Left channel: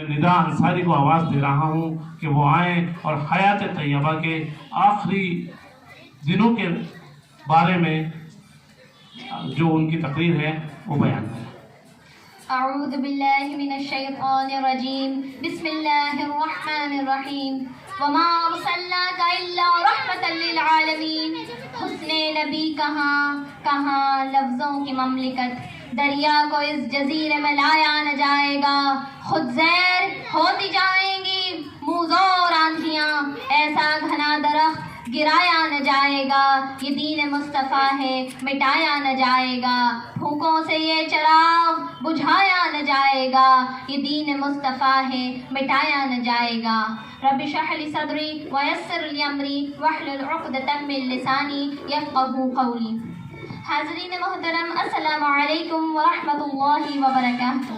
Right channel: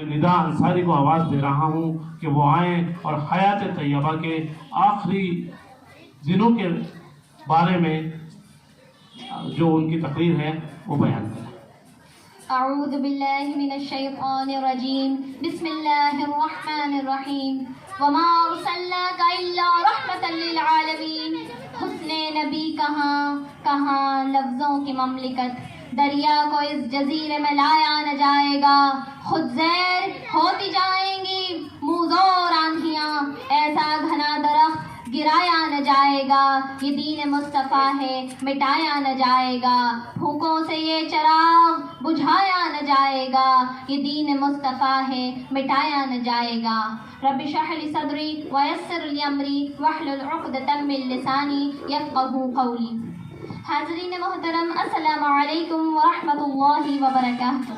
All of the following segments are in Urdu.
میں ندا انصاری کو آواز دے رہا ہوں کہ وہ آئیں اور حیات طیبہ کے آخری دنوں کے بارے میں جو ان کی تقریر ہے وہ بیان کریں۔ اعوذ باللہ من الشیطان الرجیم، بسم اللہ الرحمن الرحیم، وما ارسلناک الا رحمتا للعالمین۔ حسن نبی کہاں لفظوں کی مملکت، دریا کو اس جزیرے میں لایا نہ جائے گا، خود زیر ہوتی جائیں گی موزوں آندھیاں، ایسا گھنا درخت گرایا نہ جائے گا، یہ دین مصطفیٰ ہے مٹایا نہ جائے گا، پھونکوں سے یہ چراغ بجھایا نہ جائے گا، یہ دین مصطفیٰ ہے مٹایا نہ جائے گا۔ رب اشرح لی صدری ویسر لی امری واحلل عقدۃ من لسانی یفقہوا قولی۔ حاضرین محترم، السلام علیکم ورحمۃ اللہ وبرکاتہ۔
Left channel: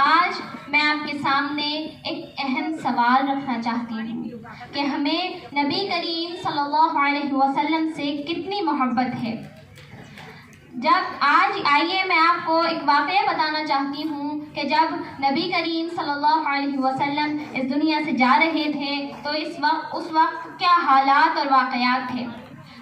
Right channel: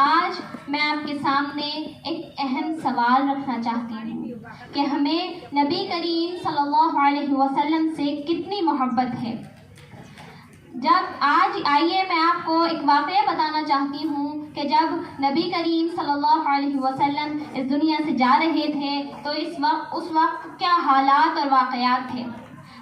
آج میں آپ کے سامنے ایک اہم سوال رکھنا چاہتی ہوں کہ ہمیں نبی کریم صلی اللہ علیہ وسلم سے کتنی محبت ہے۔ آئیے میں آپ کو ایک واقعہ بتانا چاہتی ہوں کہ جب نبی کریم صلی اللہ علیہ وسلم اس دنیا سے جا رہے تھے تو اس وقت کیا حالات اور واقعات تھے۔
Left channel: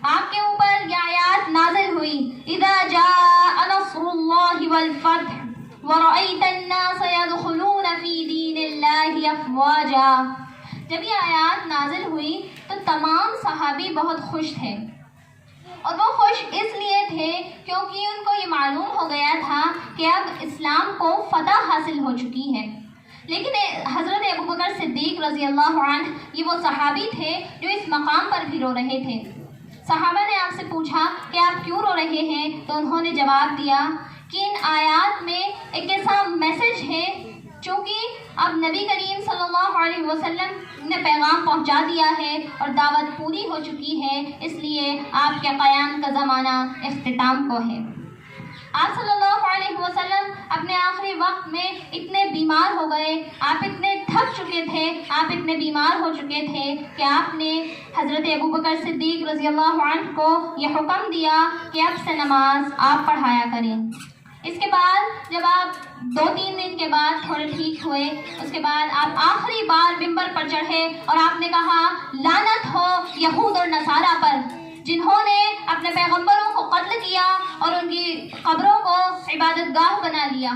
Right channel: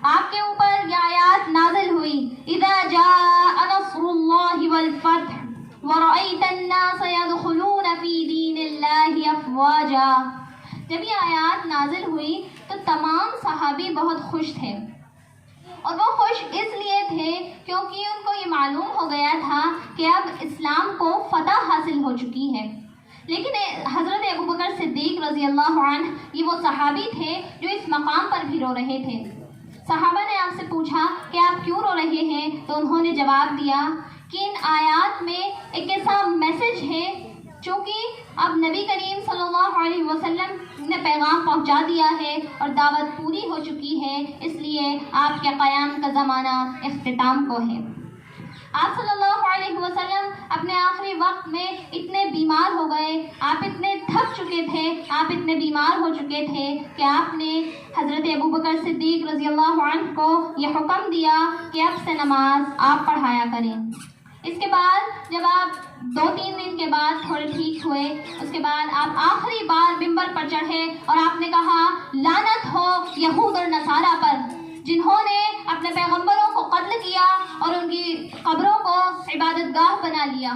آپ کے اوپر یہ آیات نازل ہوئی، اذا جاء نصر اللہ والفتح ورأیت الناس يدخلون فی دین اللہ افواجا۔ جب یہ آیات نازل ہوئی تو تمام صحابی بہت خوش تھے، اور وہ خوش اس لیے تھے کیونکہ ان کو یہ معلوم ہو گیا تھا کہ اب اسلام کو فتح حاصل ہو چکی ہے۔ لیکن حضرت ابوبکر صدیق رضی اللہ عنہ یہ وہ صحابی تھے جو اس مقام پر بھی رو رہے تھے۔ صحابہ نے آپ سے پوچھا کہ آپ کیوں رو رہے ہیں، تو انہوں نے جواب دیا کہ ان آیات میں ایک ایسا میسج ہے، چونکہ اب نبی کریم صلی اللہ علیہ وسلم نے پیغام پہنچا دیا ہے اور دعوت پوری ہو چکی ہے، اس لیے آپ کے قیام کا زمانہ اختتام کو ہے۔ آپ صلی اللہ علیہ وسلم اپنے آخری وقت میں اتنے بیمار ہو گئے، آپ اتنے تھک چکے تھے، آپ اتنے بیمار ہو چکے تھے کہ آپ نے حضرت ابوبکر صدیق رضی اللہ عنہ کو یہ حکم دیا کہ اب سے نماز آپ پڑھایا کریں۔ اس کے بعد جب آپ 2-3 دن کے بعد تھوڑے ٹھیک ہوئے، اس کے بعد آپ آخری بار ممبر پر چڑھے اور آپ نے کہا، لعنت ہو یہود اور نصارہ پر، جنہوں نے اپنے پیغمبروں کو قتل کیا اور ان کی قبروں کو عبادت گاہ بنا لیا۔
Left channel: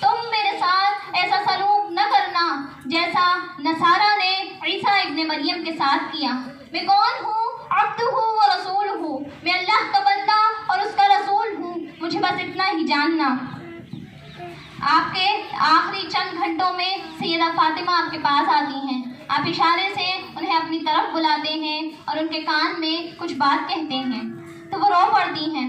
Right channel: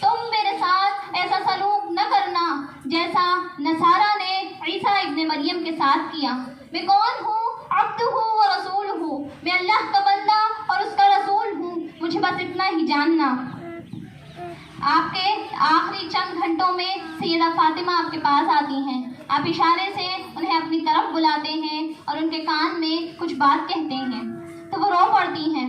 تم میرے ساتھ ایسا سلوک نہ کرنا جیسا نصارہ نے عیسیٰ ابن مریم کے ساتھ کیا۔ میں کون ہوں؟ عبدہ و رسول ہوں، میں اللہ کا بندہ اور اس کا رسول ہوں، مجھے بس اتنا ہی جاننا۔ آپ کے آخری چند گھنٹوں میں سیدہ فاطمہ آپ کے پاس آتی ہیں، آپ اشارے سے انہیں اپنی طرف بلاتے ہیں اور ان کے کان میں کچھ بات کہتے ہیں تو وہ رو پڑتی ہیں،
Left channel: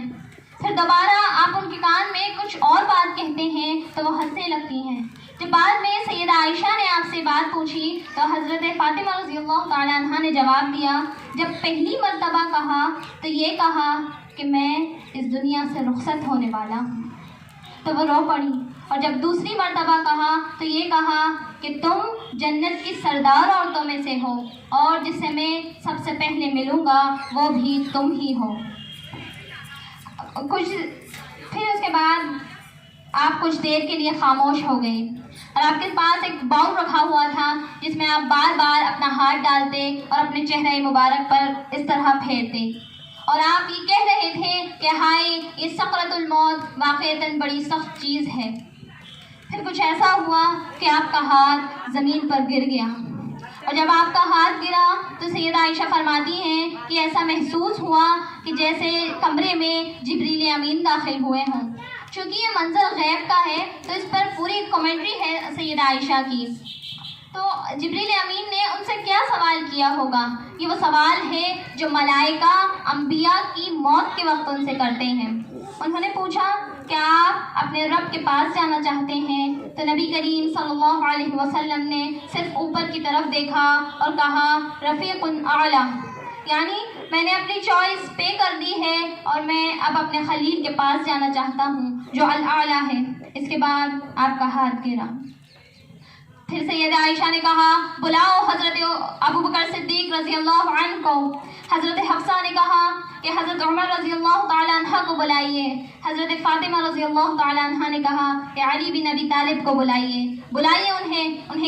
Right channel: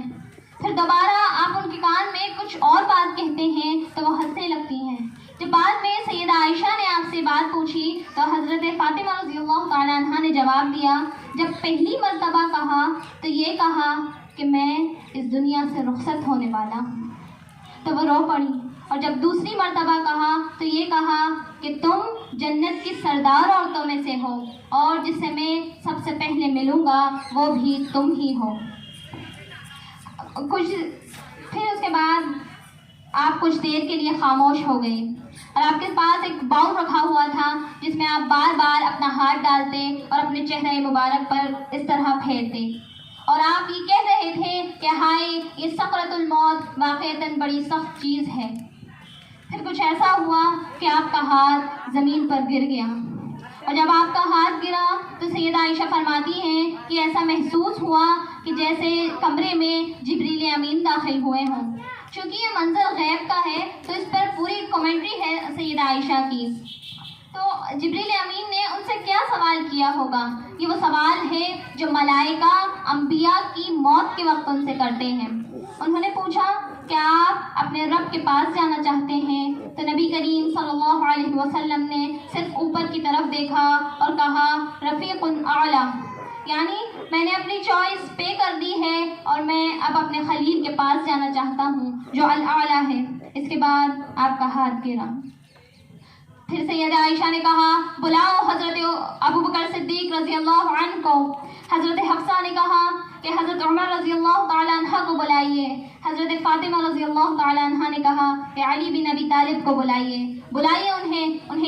پھر دوبارہ آپ ان کے کان میں کچھ اور بات کہتے ہیں تو وہ ہنسنے لگتی ہیں۔ جب بعد میں سیدہ عائشہ نے آپ سے بات پوچھی تو حضرت فاطمہ رضی اللہ تعالی عنہ نے جواب دیا، جب پہلی مرتبہ کہا تو یہ کہا کہ میں اس دنیا سے رخصت ہونے والا ہوں، تو وہ رو پڑی، اور جب دوسری مرتبہ کہا تو یہ کہا کہ تم جنت کی سردار عورتوں میں سے ہو، اور جس سے میں سب سے پہلے ملوں گا وہ بھی تم ہی ہو۔ پھر اس کے بعد آپ کچھ دیر کے لیے خاموش ہو گئے، اور آپ کے پاس ایک باؤل رکھا ہوا تھا جس میں آپ بار بار اپنا ہاتھ ڈالتے اور اپنے چہرے مبارک پر اس طرح پھیرتے، اور آپ یہ کہہ رہے تھے کہ ہائے یہ سکرۃ الموت واقعتاً بڑی سخت چیز ہے۔ پھر کچھ ایسا ہوا کہ آپ کا ہاتھ زمین پر گر گیا، اور جب آپ کا ہاتھ گرا تو سیدہ عائشہ فرماتی ہیں کہ ایسا محسوس ہوا کہ جیسے کمرے میں جبریل امین داخل ہوئے ہوں۔ چونکہ یہ منظر غیب کا ہے تو اس پر پوری کمنٹری ہے سیدہ عائشہ کی۔ تو جبریل امین نے ان سے کیا سوال کیا ہوگا؟ یہ وہ سوال ہے جو ملائکہ انبیاء کی موت کے وقت ان سے کرتے ہیں۔ انہوں نے پوچھا کہ آپ اپنے رب کے پاس جانا چاہتے ہیں؟ تو نبی کریم صلی اللہ علیہ وسلم نے صرف اوپر کی طرف دیکھا اور کہا رفیق اعلیٰ، یعنی میں نے اپنی چوائس پے کر دی ہے اور میں اب اپنے خلیل کے پاس جانا چاہتا ہوں جو الاعلیٰ ہے۔ اس کے بعد آپ کا ہاتھ گرا۔ پھر سیدہ عائشہ نے کہا بلاؤ حضرت ابوبکر صدیق رضی اللہ عنہ کو۔ حضرت حفصہ نے کہا کہ حضرت عمر رضی اللہ تعالیٰ عنہ کو بلائیے۔ حضرت فاطمہ رضی اللہ تعالیٰ عنہ نے کہا کہ علی بن ابی طالب کو بلائیے انہیں،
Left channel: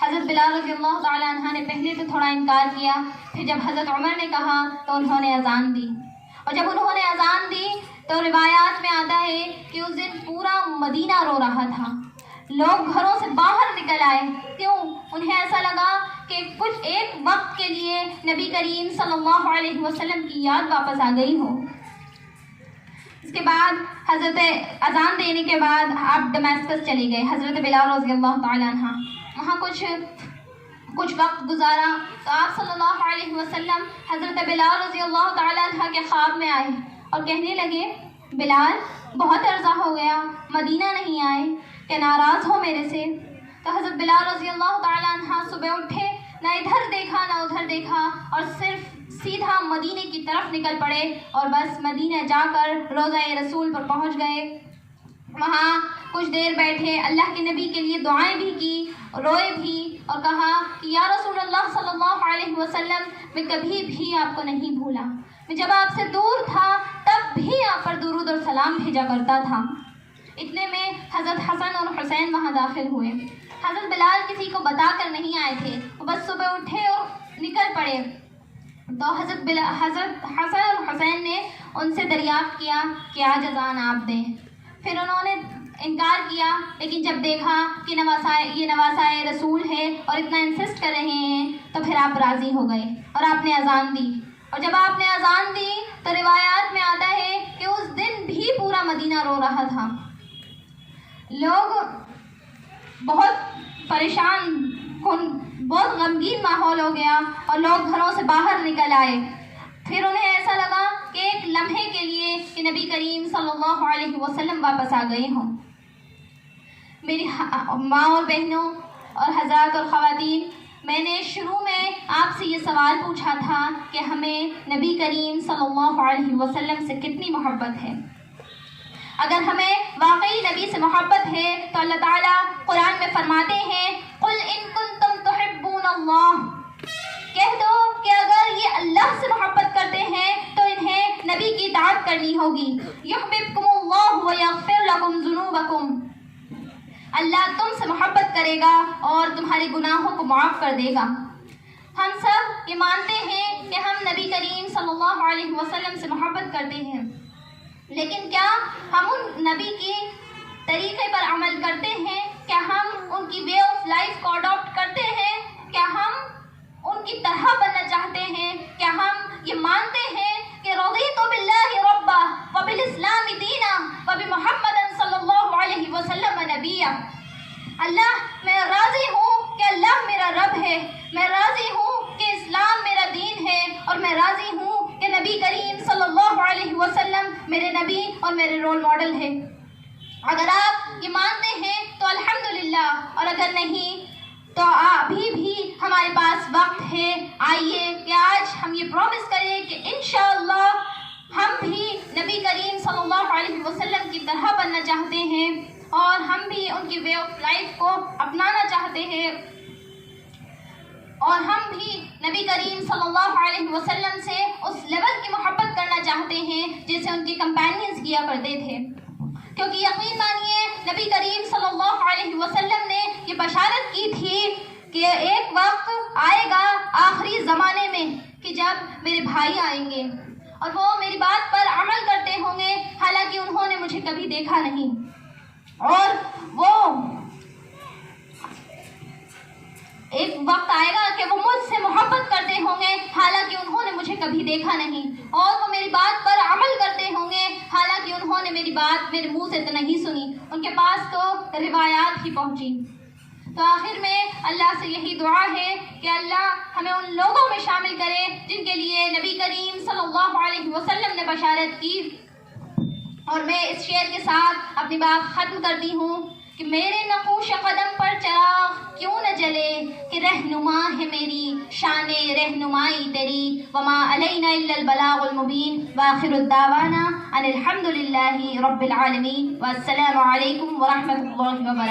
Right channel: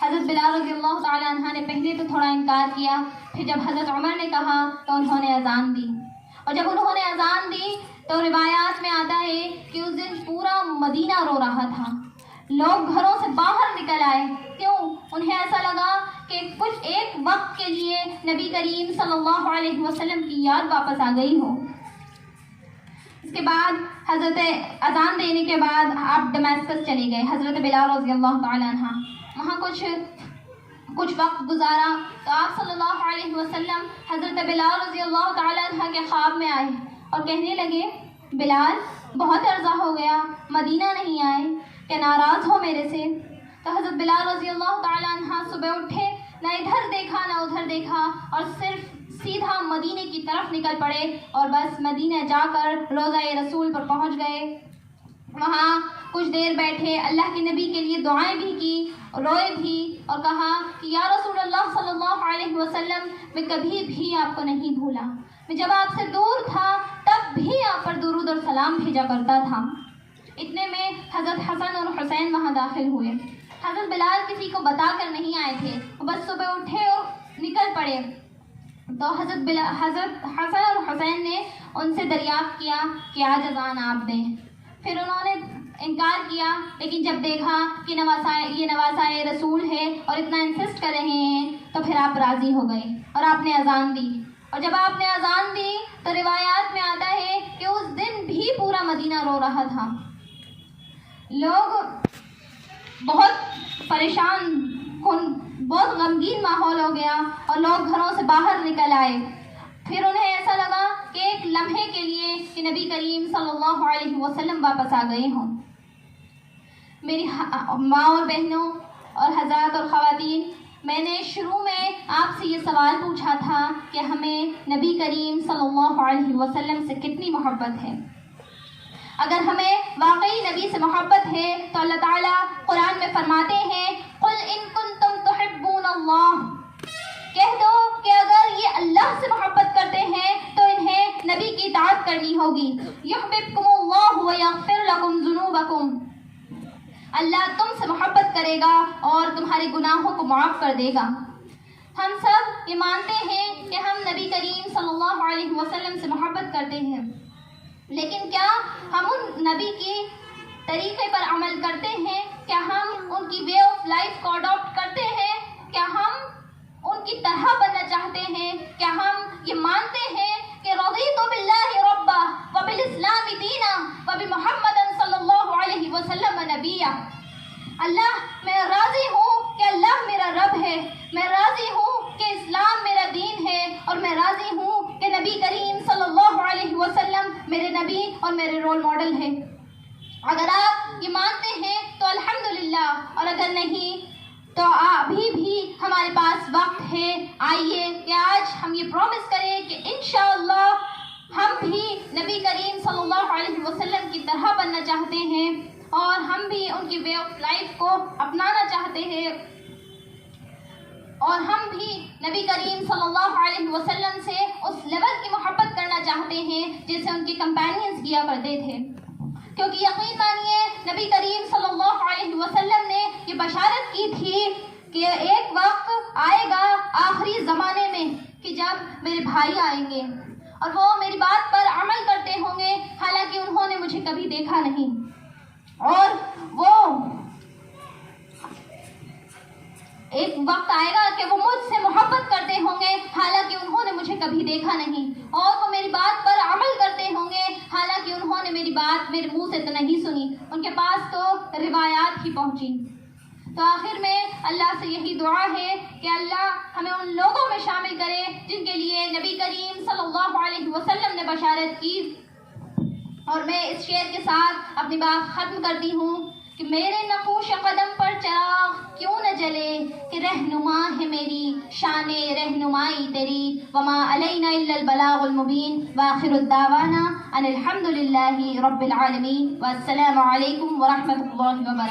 حضرت بلال رضی اللہ تعالیٰ عنہ نے پہلے تو تھوڑا انکار کیا، پھر جب حضرت عمر نے کہا تو انہوں نے اذان دی، اور جب انہوں نے اذان دی تو روایات میں آتا ہے کہ اس دن پورا مدینہ رو رہا تھا، لوگ گھروں سے باہر نکل آئے، کیوں؟ انہیں ایسا لگا کہ کچھ ایک وقت کے لیے نبی کریم صلی اللہ علیہ وسلم کی یاد واپس آ گئی ہو۔ اس کے بعد حضرت اذان دینے کے بعد آپ ڈمیسکس چلے گئے، حضرت بلال رضی اللہ تعالیٰ عنہ وہاں کچھ وقت گزارا تو آپ صلی اللہ علیہ وسلم حضرت بلال رضی اللہ تعالیٰ عنہ کے خواب میں آئے اور کہنے لگے، بلال بہت عرصہ ہو گیا مدینہ نہیں آئے، کہ ناراض ہو میرے سے؟ تو حضرت بلال رضی اللہ تعالیٰ عنہ صبح اٹھے، نہ ادھر دیکھا نہ ادھر دیکھا، اور صرف سیدھا مدینے کی طرف نکل پڑے اور بس مدینہ جا کر روضہ رسول پر پہنچ گئے۔ وہاں کچھ دیر بیٹھے، اللہ کے نبی کے لیے دعائیں بھی کی، روئے بھی اور کہا کہ یا رسول اللہ صلی اللہ علیہ وسلم، میں کبھی بھی آپ کو نہیں بھولا، میں جب آپ سے دور تھا تب بھی آپ پر درود اور سلام بھیجا کرتا تھا۔ اتنے میں حضرت حسن اور حسین وہاں داخل ہوئے۔ حضرت بلال کسی کو بتا کر نہیں آئے تھے، وہ بس صبح اٹھے اور نکل پڑے، تو حضرت حسن اور حسین نے ان سے دریافت کیا کہ آج اذان آپ دیں۔ پھر انہوں نے انکار کیا، لیکن جب دیکھا کہ یہ نواسائے رسول ہے اور اتنا انسسٹ کر رہے ہیں تو پھر آپ راضی ہو گئے اور آپ نے اذان دی، اور جب آپ نے اذان دی تو روایات میں آتا ہے کہ اس دن بھی پورا مدینہ رو رہا تھا، لوگ بہت پریشان کن، بہت غمگین ماحول ہو گیا اور لوگ گھروں سے باہر نکل آئے۔ پھر انہیں ایسا لگا کہ ایک لمحے کے لیے کہ نبی کریم صلی اللہ علیہ وسلم واپس آ گئے ہوں۔ میری ماں اور بہنوں اور حضرات اور خواتین، میں نے شروع میں آپ سے یہ سوال پوچھا تھا کہ ہمیں نبی کریم صلی اللہ علیہ وسلم سے کتنی محبت ہے۔ اگر ہمیں واقعی نبی سے محبت ہے تو اللہ تعالیٰ قرآن میں فرماتے ہیں، قُلْ إِن كُنتُمْ تُحِبُّونَ اللَّهَ، کہہ دو کہ اگر یہ اللہ سے محبت کرتے ہیں تو انہیں نبی کی اطاعت کرنی ہوگی۔ يُحْبِبْكُمُ اللَّهُ وَيَغْفِرْ لَكُمْ ذُنُوبَكُمْ، اللہ تم سے محبت کرے گا اور تمہارے گناہوں کو معاف کر دے گا۔ ہم سب یہ مانتے ہیں کہ ہم نبی کریم صلی اللہ علیہ وسلم سے محبت کرتے ہیں، لیکن کیا ہم ان نبی کی طریقے پر عمل کرتے ہیں؟ کیا ہم ان کی وے آف لائف کو اڈاپٹ کرتے ہیں؟ کیا ہم ان کی طرح بننا چاہتے ہیں؟ کیا ہم یہ مانتے ہیں کہ رضیت باللہ ربا وبالاسلام دینا وبمحمد صلی اللہ علیہ وسلم نبیا، اللہ میں راضی ہوں کہ اللہ میرا رب ہے، میں راضی ہوں کہ اسلام میرا دین ہے، اور میں راضی ہوں کہ نبی کریم صلی اللہ علیہ وسلم میرے نبی اور میرے رول ماڈل ہے۔ اگر آپ یہ مانتے ہیں تو الحمدللہ، اور اگر نہیں تو ابھی بھی ہمارے پاس وقت ہے، آئیے کہ آج ہم یہ پرومس کریں کہ انشاءاللہ ہم بھی نبی کریم صلی اللہ علیہ وسلم کی طرح بننا چاہتے ہیں اور ہم بھی ان کی وے آف لائف کو اپنانا چاہتے ہیں، اور ہم بھی نبی کریم صلی اللہ علیہ وسلم سے اس لیول کی محبت کرنا چاہتے ہیں جیسے ان کے کمپینینز کیا کرتے تھے، کیونکہ یقین مانیے نبی کریم صلی اللہ علیہ وسلم نے یہ بشارت کی تھی کہ ایک وقت آئے گا آخری زمانے میں کہ جب میرے بھائی آئیں گے اور وہ میری بات پر عمل کرتے ہوں گے، حالانکہ انہوں نے مجھے کبھی دیکھا نہیں، اور وہ ایک وقت آئے گا کہ وہ مجھ سے محبت کرتے ہوں گے حالانکہ انہوں نے مجھے کبھی دیکھا نہیں، اور وہ میری بات پر عمل کرتے ہوں گے حالانکہ انہوں نے میری بات میرے منہ سے تو نہیں سنی، ان کے پاس تو روایات ہی پہنچی۔ تو آخر میں اللہ سے یہی دعا ہے کہ اللہ ہمیں ان لوگوں میں شامل کرے جن کے لیے نبی کریم صلی اللہ علیہ وسلم نے بشارت کی۔ اور میں اس شعر کے ساتھ اپنی بات ختم کرتی ہوں کہ میرے نقوش قدم پر چراغ کیوں نہ جلے، کہ رہنما ہے میری شان رہنمائی تیری، وما علینا الا البلاغ المبین، وآخر الدعوانا ان الحمد للہ رب العالمین، والسلام علیکم ورحمۃ اللہ وبرکاتہ۔